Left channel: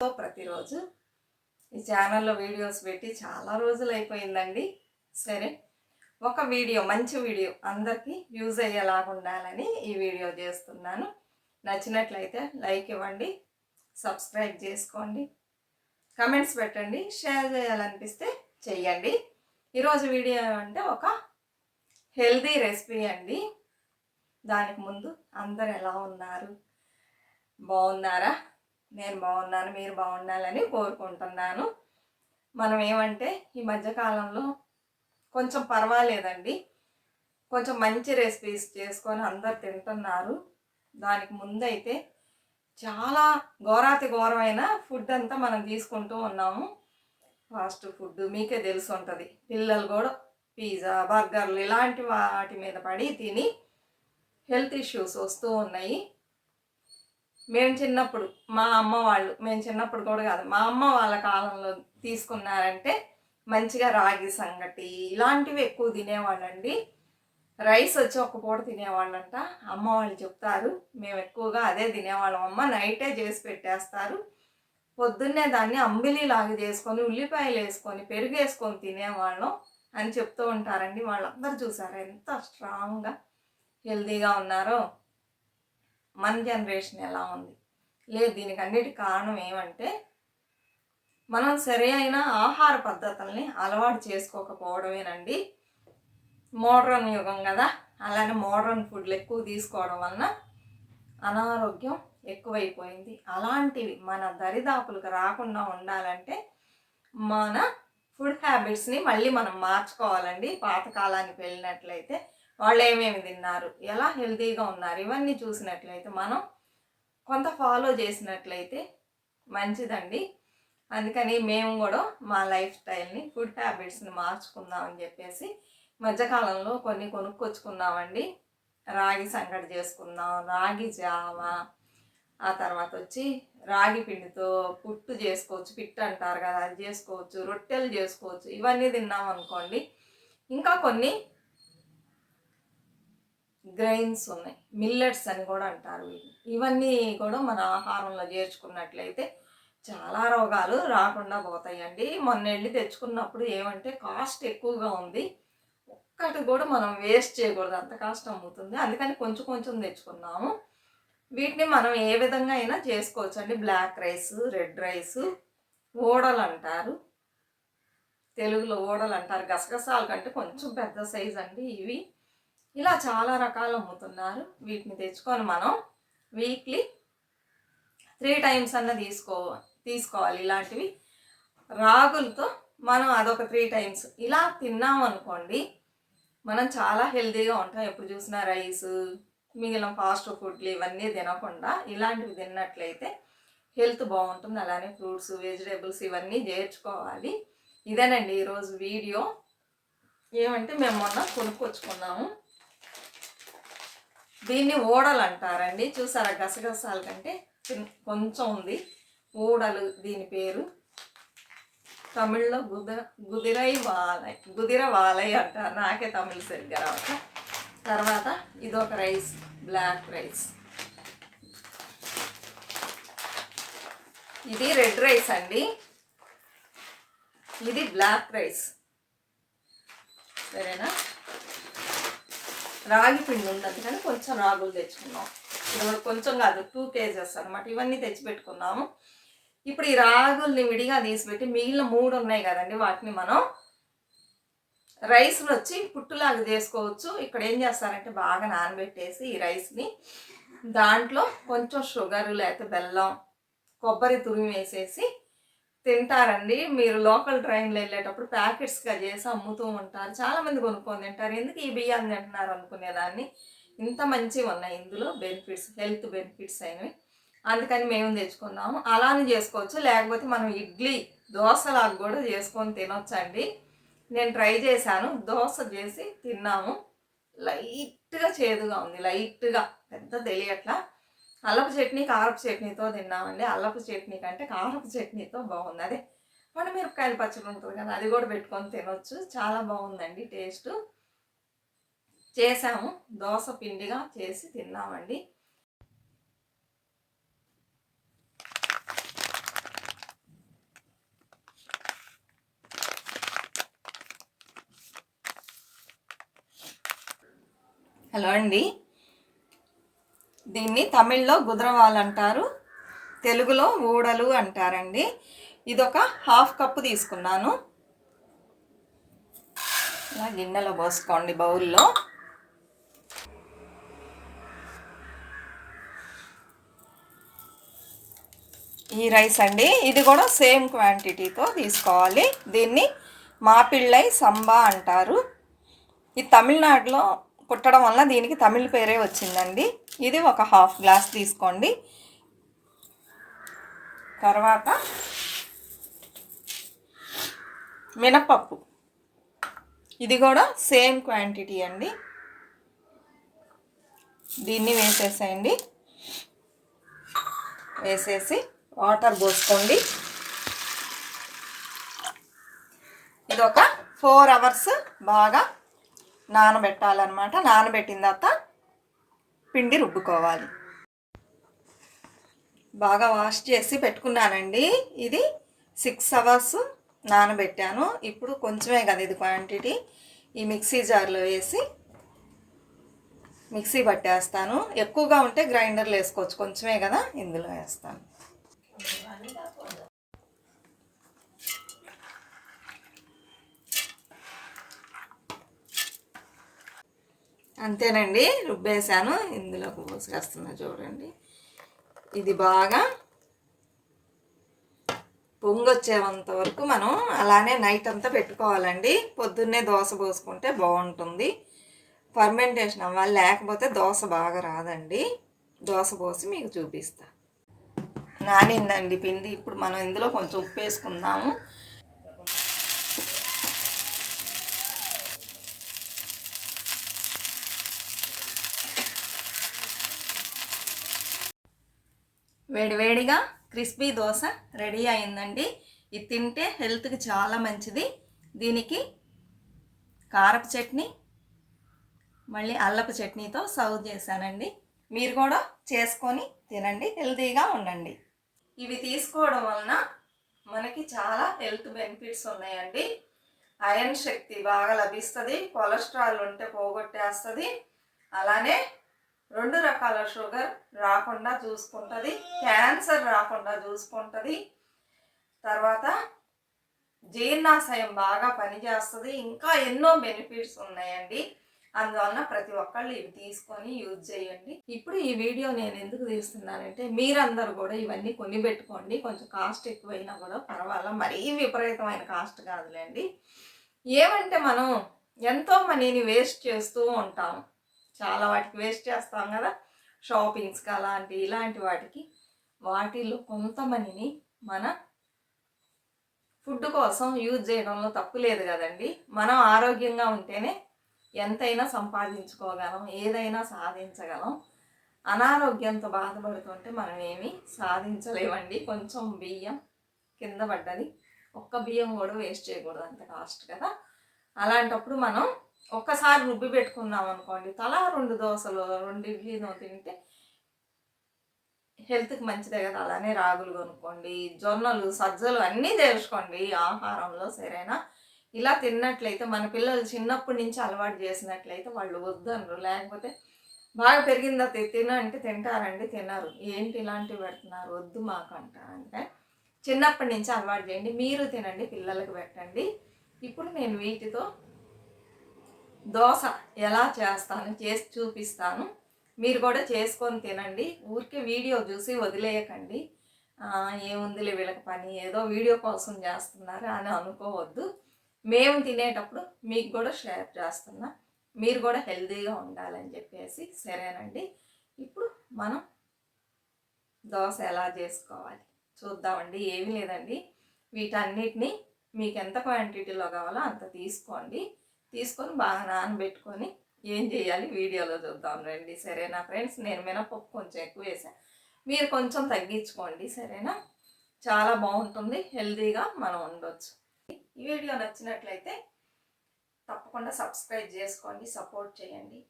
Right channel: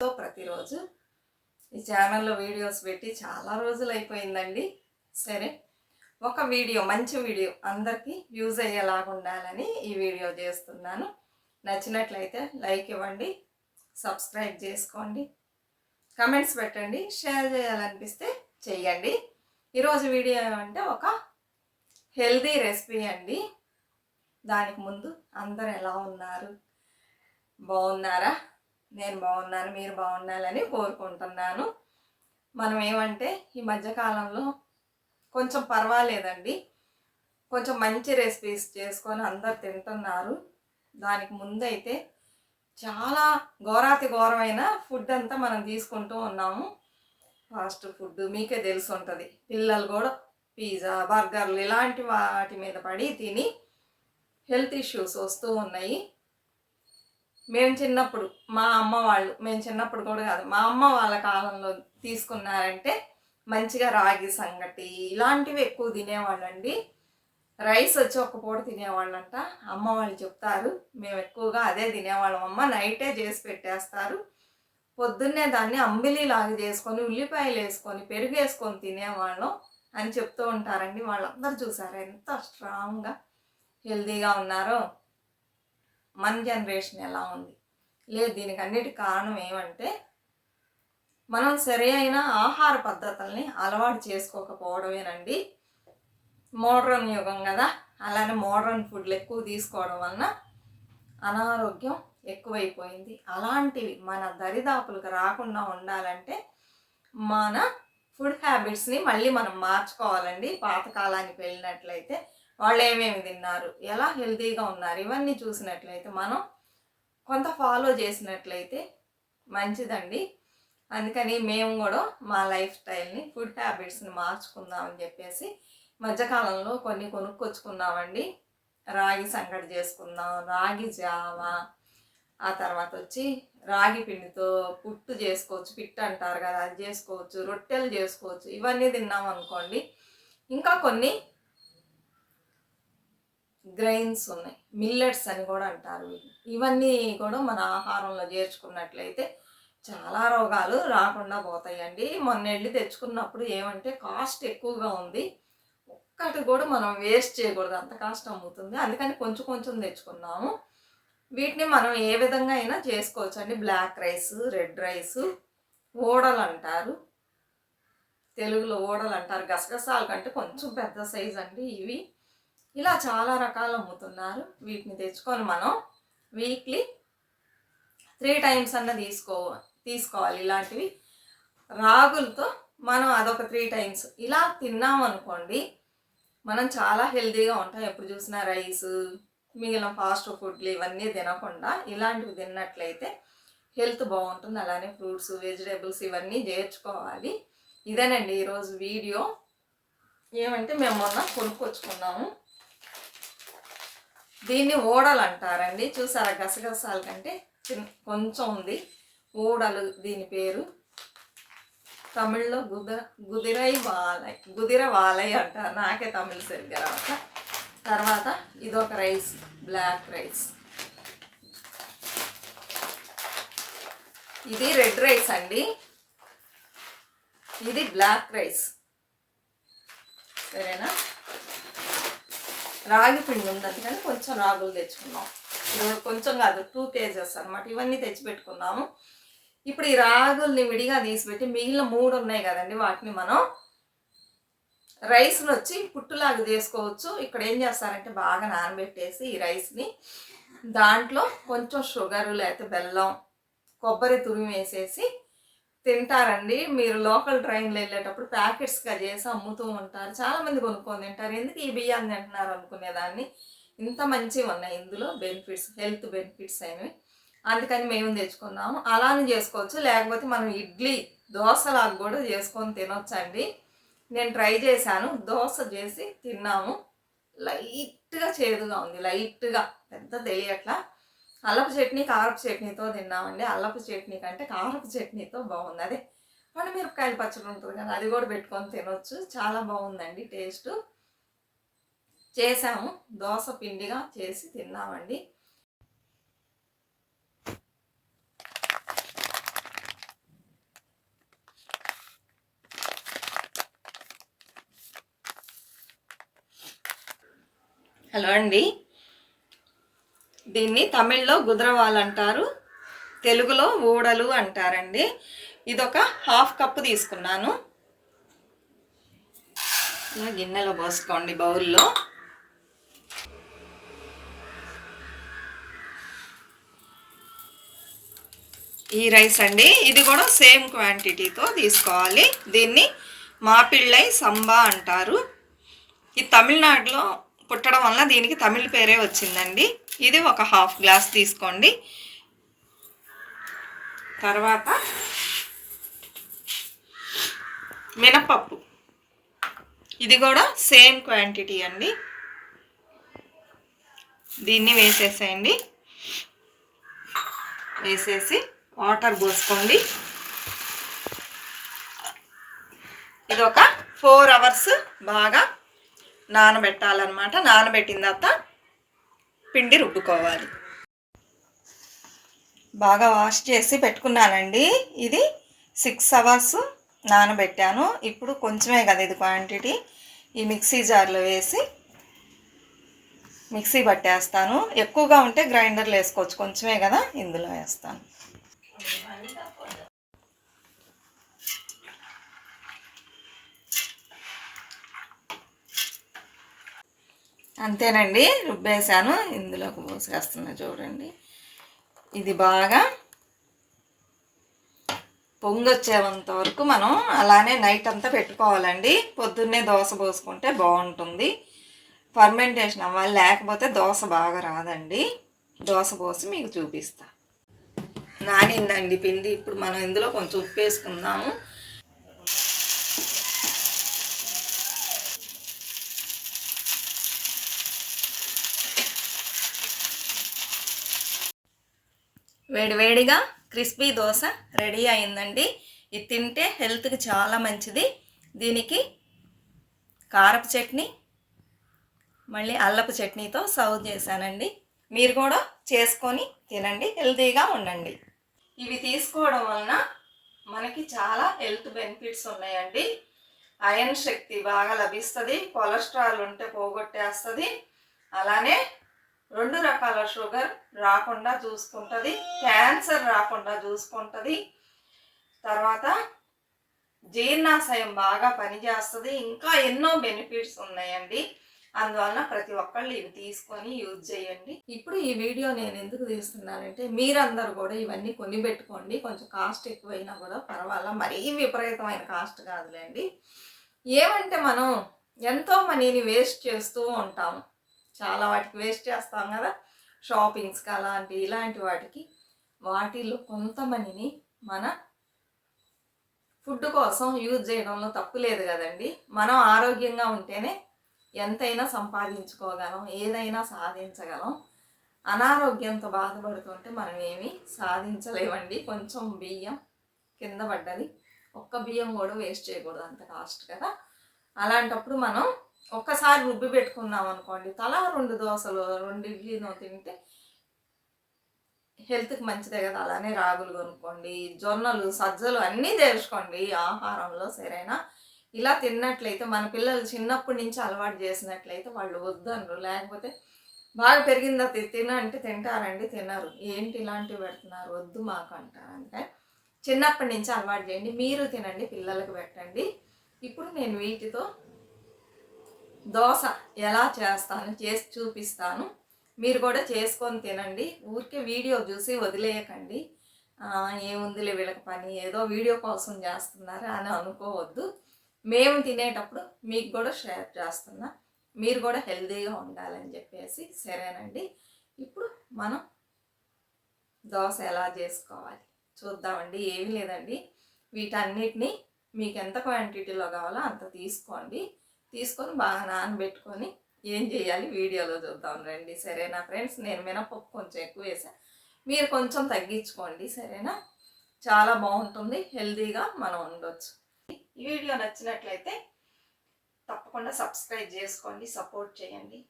ప్రతిరోజు ఈ ఛానల్లో వీడియోస్ పెట్టి చాలా రోజులు అయిపోయిందండి. సరే, ఒక వీడియో, మంచి వీడియో అందరికీ యూజ్ అయ్యేలాగా ఉండాలని ఈ వీడియో చేస్తున్నాను. నచ్చినట్లయితే లైక్ ఇవ్వండి, సబ్స్క్రైబ్ చేసుకోండి, కమెంట్స్ పెట్టండి, షేర్ చేయాలనిపిస్తే చెయ్యండి. ఈరోజు వీడియో ఏమంటే ఒక హెల్దీ రెసిపీ అండి. దానికి ముందు అందరు ఎలా ఉన్నారు? బాగున్నారా? నేను బాగున్నాను, మీరు బాగుండాలని కోరుకుంటున్నాను. మనం ఏమంటే ఈ మధ్యకాలంలో కొంచెం పర్వాలేదండి, కొంచెం మంచి రెసిపీస్ చేసుకొని అందరు తింటున్నారు. దానికి ముందైతే చాలా ఘోరమైన ఫుడ్ అంతా మనం తీసుకుంటూ ఉన్నాము. ఫాస్ట్ ఫుడ్ మీకే తెలిసి ఉంటుంది. పిల్లలు కూడా పిజ్జా, బర్గర్లు ఇలాంటి వాటి మీద పడి తిని హెల్త్ ఇష్యూస్ వస్తూ ఉన్నాయి. మేము చిన్నప్పుడు మేము చిన్నప్పుడు కూడా కాదు, మా అమ్మ వాళ్ళ కాలంలో తీసుకున్నారంటే మంచిగా రాగి సంగటి ఇలాంటివి ఎక్కువ తినేవాళ్ళండి. రైస్ వచ్చి ఒక పూట తినేవాళ్ళంట, అమ్మ వాళ్ళు చెప్తారు. మేము ఎక్కువగా అదే తినేవాళ్ళం. అమ్మ నైటే చేసి పెట్టేస్తారు, పొద్దున్నే దాన్ని అంబిలిలాగా చేసుకొని ఉల్లిపాయలు వేసుకొని పెరుగు వేసుకొని తినేవాళ్ళం అని చెప్తూ ఉంటారండి. వాళ్ళందరూ చూసారా ఎంత స్ట్రాంగ్గా హెల్తీగా ఉన్నారో. మన జనరేషన్ ఎలా ఉంది? లేదు, దీనికి అన్నిటి కారణం ఏమంటే మనం సరైన ఆహార పద్ధతుల్ని అలవాటు చేసుకోకపోవడమేనండి. మోడ్రన్ యుగం కదా, అలానే మోడ్రన్ ఫుడ్లు ఎక్కువ తీసుకోవడం వలన అనారోగ్యం ఎక్కువైపోయింది. అలాంటివి మన దరిదాపులకు రాకుండా ఉండాలంటే మన ఫుడ్ హ్యాబిట్స్ని మళ్ళీ మనం మార్చుకోవాలండి. పాతకాలానికి వెళ్ళినట్లయితే వాళ్ళు ఏమేమి తిన్నారు, ఎలా హెల్తీగా ఉన్నారు, ఇవన్నీ చూసినట్లయితే మనం కొంత ఫాలో చేసినట్లయితే మంచిదండి. అందుకని మేము కూడా మా లైఫ్ స్టైల్ని, ఫుడ్ హ్యాబిట్స్ని మార్చుకుందామని చెప్పేసి మధ్యకాలంలో కొన్ని కొనుక్కొచ్చుకున్నామండి. రాగి సంగటి చేసుకుందాం, రాగి జావ, ఆ తర్వాత వచ్చి రాగి పిండితో పుట్టు చేసుకోవచ్చు, పిట్టు అంటారు కదా, అది చేసుకోవచ్చు, రొట్టెలు చేసుకోవచ్చు. ఇవన్నీ తిన్నాం అనుకోండి. ఇంకా కొన్ని గ్రెయిన్స్ ఉన్నాయి, మిల్లెట్స్ అని కూడా అంటారు. ఇవన్నీ కూడా మన ఆహారంలో చేర్చుకున్నట్లయితే చాలా రోగాలు రాకుండా పోతాయండి. మొన్న వెళ్ళి తెచ్చుకున్నప్పుడు ఏమంటే కాస్ట్ ఎక్కువగా ఉంది, ఒక్కటి కూడా మనం వేస్ట్ చేయకూడదు, అంత కాస్ట్ అమ్ముతుంది. అందుకని కొంచెం కొంచెం తెచ్చుకున్నాము. వీటిని మనం ఏ విధంగా అయినా చేసుకోవచ్చు అండి. బ్లాక్ రైస్, రెడ్ రైస్, ఓడలు అంటారు, తెలుగులో ఓడలు అంటారు. గసగసాల కంటే కొంచెం పెద్ద సైజ్ అండి ఇవి. ఇలా చాలా రకాలు అమ్ముతున్నారు. వీటిని తెచ్చుకొని మనం వీక్లీ 3 times అన్న తీసుకోవాలి. ఇలాంటివి రాగులతో మనం అదొక 3 times ఇలా తిన్నామనుకోండి, మనం చాలా హెల్తీగా ఉంటాం. ఎప్పుడు చూసినా రైస్, మిగిలిన ఫాస్ట్ ఫుడ్లు ఇవన్నీ తినకుండా ఇలాంటివి తిన్నట్లయితే హెల్త్ బాగుంటుంది. అలానే ఫ్రూట్స్, వెజిటేబుల్స్ ఇవన్నీ చేర్చుకోవాలి. ఇదేనండి ఈరోజు వీడియో. ఏమంటే మేము మొన్న కొనుక్కొచ్చుకున్నాము. దీన్ని ఓడలు అంటారండి. చూసారా, గసగసాల కంటే కొంచెం ఉంది, ఓడలు దీని పేరు. తమిళ్లో గుదిర వాలై అంటారు. నాకే తమిళ్ సరిగ్గా రావట్ల. తర్వాత ఇదొక రైస్, బ్లాక్ రైస్. ఇది రెడ్ రైస్ అండి, ఇది బ్లాక్ రైస్. సరేనా, రాగి పిండి ఉంది కానీ కొంచెం రాగులు తెచ్చుకున్నాం. కొంచెం కాదు, 2 kgs అనమాట. ఇవన్నీ తెచ్చిపెట్టుకున్నాము. ఇప్పుడు ఈ రాగుల్ని విడిగా తీసిపెట్టి మిగిలిన 3 ఉన్నాయి కదండి, వాటిని మనం రైస్లో వచ్చి పుట్టులాగా చేసుకోవచ్చు. ఇక్కడ ఏం చేస్తారంటే బాగా నానబెట్టేసి ఈ రైస్ని దాంట్లో కొంచెం షుగరు లేకపోతే బెల్లం, కొబ్బరి తురిమి వేసేసి తింటారండి. మీరు లోకల్ ట్రైన్లో వెళ్ళేటప్పుడు ప్యాకెట్స్గా చేసి అమ్ముతూ ఉంటారు. చాలామంది కొనుక్కొని తింటారు. ఎందుకు ఈ బియ్యాన్ని తింటున్నారు అనుకునేదాన్ని. ఇంత మంచివి ఉన్నాయి ఇందులో బెనిఫిట్స్, హెల్త్ బెనిఫిట్స్ అయినవి. అందుకని మేము తెచ్చుకున్నాము. అలానే చేసుకోవచ్చు, లేకపోతే మనం ఇడ్లీ, దోశలాగా కూడా చేసుకొని తినొచ్చండి. నేను ట్రై చేశాను, దోశ చేసి తిన్నాము. లైట్గా చేదుగా ఉంది, లైట్గా, పెద్ద తెలియట్లా. అల్లపు చట్నీ, కారపు చట్నీతో తిన్నామండి. అల్లపు చట్నీ కంటే కారపు చట్నీతో బాగుంది. అదే పండుమిరపకాయల పచ్చడి ఉంటుంది కదా, అది కూడా పెట్టుకొని తినొచ్చు. చాలా బాగుందండి టేస్ట్. చేసాము, దోశ పిండిగా చేసి తిన్నామండి. హలో అండి. దీన్ని తమిళ్లో గుదరవాల్ అంటారు, తెలుగులో ఊడలు అంటారండి. ఇదొక 1/2 కప్పు తీసుకున్నాను. ఇలా గిన్నెలో పోసుకోండి, బౌల్లో. ఈ రైస్ అండి, ఇది కూడా సేమ్ క్వాంటిటీతో తీసుకోవాలి. దీన్ని మాపిళ్ళై సంబా అంటారు. ఇది తమిళనాడులో పుట్టడం వల్ల దీనికి తమిళ పేరే వచ్చిందండి. ఇది ఒక 1/2 గ్లాస్ తీసుకోండి. తర్వాత మినపప్పు, ఇది కూడా సేమ్ క్వాంటిటీ అండి. దీన్ని వేసేసేయండి. వేసేసి వాటర్ పోసుకోండి. ఇది ఒక 4 అవర్స్ బాగా నానబెట్టాలన్నమాట. నానబెట్టిన తర్వాత పిండి రుబ్బుకోవాలి. బాగా వాష్ చేసి పెట్టుకున్నానండి. ఇది 6 అవర్స్ నానబెట్టాను. ఇప్పుడు కొంచెమే కదా ఇది క్వాంటిటీ, ఈ మిక్సీ జార్లో వేసి మిక్సీ పట్టేస్తాను. ఎక్కువగా ఉంటే గ్రైండర్లో వేసుకోవచ్చు, కొంచెమే కదా ఇందులో వేస్తాను. అంతేనండి, రుబ్బేసాను. ఇందులోకి పోసేస్తున్నా చూడండి. ఇది బాగా పొంగొచ్చేంత వరకు మనం అలానే నైట్ అంతా పెట్టుకోవాలండి. పొద్దున్నే దోశ పోసుకుంటే బాగుంటుంది. ఫర్మెంటేషన్ అవ్వాలి, లేకపోతే దోశ బాగా రాదండి. దోశ పోసి మీకు చూపిస్తా. నానిందండి పిండి. ఇప్పుడు మనం ఇందులో కొంచెం ఉప్పు వేసుకుందాము. వేడివేడిగా క్రిస్పీ దోశ రెడీ అయిందండి. ఇది తింటే హెల్త్కి చాలా మంచిది. దీనికి కారపు చట్నీ, మళ్ళీ అల్లపు చట్నీతో సర్వ్ చేశానండి. మీరు కూడా చేసుకొని తినండి, హెల్తీగా ఉండండి. ఇవి తీసుకోవడం వలన మనకి చాలా హెల్త్ బెనిఫిట్స్ ఉన్నాయండి. ఐరన్ శక్తి బాగా లభిస్తుంది, కొలెస్ట్రాల్ ఉంటే పోగొట్టేస్తుంది, అలానే 2 రకాల షుగర్ రాకుండా చూసుకుంటుంది, క్యాన్సర్ రాకుండా చూసుకుంటుంది, తర్వాత జీర్ణాశయం బాగా పనిచేస్తుంది, ఇంకా ఎన్నో బెనిఫిట్స్ ఉన్నాయండి. అందువలన ప్రతి ఒక్కళ్ళు ఇవి తీసుకొని యూజ్ చేయండి. ఇప్పుడు ఈ వీడియో నేను ఎందుకు తీస్తున్నానంటే, మీరందరూ కూడా ఇవన్నీ కొని పెట్టుకోండి. కొంచెం కాస్ట్ ఎక్కువైనా కూడా పర్వాలా, మరీ విపరీతమైన కాస్ట్ కాదులేండి. ఏమంటే మనం ఎంతో మనీని వేస్ట్ చేస్తూ ఉంటాం, చాలా వాటికి వేస్ట్ చేస్తాం కదా, షాపింగ్స్కి అలాంటి ఇలాంటి వాటికి. వాటిల్లో కొంత మనీని మన ఫుడ్ కోసం యూజ్ చేయడంలో తప్పు లేదు కదండి. మనం ఆరోగ్యంగా ఉంటేనే ఎంతైనా సంపాదించుకోగలం, ఏదైనా సాధించగలం. అనారోగ్యంతో బాధపడుతుంటే మనం ఏమీ సాధించలేమండి. కొంచెం బియ్యం కింద పడ్డది, ఒక్క బియ్యం కూడా వేస్ట్ చేయకూడదు, అంత కాస్ట్ కదా. అలాంటప్పుడు మనం ఒక్కసారి రుబ్బి పెట్టుకున్నాం అనుకోండి, తలా 2 దోశలు 2 ఇడ్లీనో తింటే హెల్త్కి మంచిదే కదా. అలానే రాగులు కొనుక్కోండి, జొన్నలు సజ్జలు అన్నీ చేర్చుకోండి ఆహారంలో, సరేనా. ఇలా తిన్నట్లయితే మన పిల్లలు చిన్నప్పటి నుంచి అలవాటు చేసినట్లయితే వాళ్ళు వద్దనరు. లేకపోతే బాగా పెరిగిందా తినంటే తింటారండి, తినరు. ఏంటి ఇలాంటివి పెడుతున్నారు, వద్దు మాకు అంటారు. అందుకని చిన్నప్పటి నుంచి అలవాటు చేయండి. మీరు తినండి, పిల్లలకు పెట్టండి. ఇప్పుడు నేను వీటితో దోశ ఎలా చేస్తాను చేసి చూపిస్తాను. మీరు కూడా చేసుకొని తినండి. ఊరికే వీడియో చూసి వదిలేయకండి. ఏముందిలే వీళ్ళకి పని, ఏదో వీడియో కోసం చేస్తున్నారు అని అనుకోవద్దు. మేము తినేటప్పుడు మీకు కూడా షేర్ చేస్తున్నా, మీరు కూడా హెల్తీగా ఉండాలని చెప్పేసి, సరేనండి. ఇప్పుడు మనం దోశ ఎలా చేసుకోవాలి చూద్దామండి. ఏమీ లేదండి, వీటన్నిటిని మీకు ఎంత క్వాంటిటీలో కావాలో అంత తీసుకోండి. తీసుకొని బాగా నానబెట్టుకొని ఏం చేయాలి వీడియోలో చూద్దాం రండి, సరేనా ఫ్రెండ్స్. నేను మినపప్పు కొంచెం ఎక్కువ వేసాను, మీరు కొంచెం తగ్గించుకోండి, సరేనా. చాలా బాగుంటుంది, హెల్తీగా మనం ఉండొచ్చు. ఈ వీడియో నచ్చినట్లయితే తప్పకుండా సబ్స్క్రైబ్ చేసుకోండి, సపోర్ట్ చేయండి.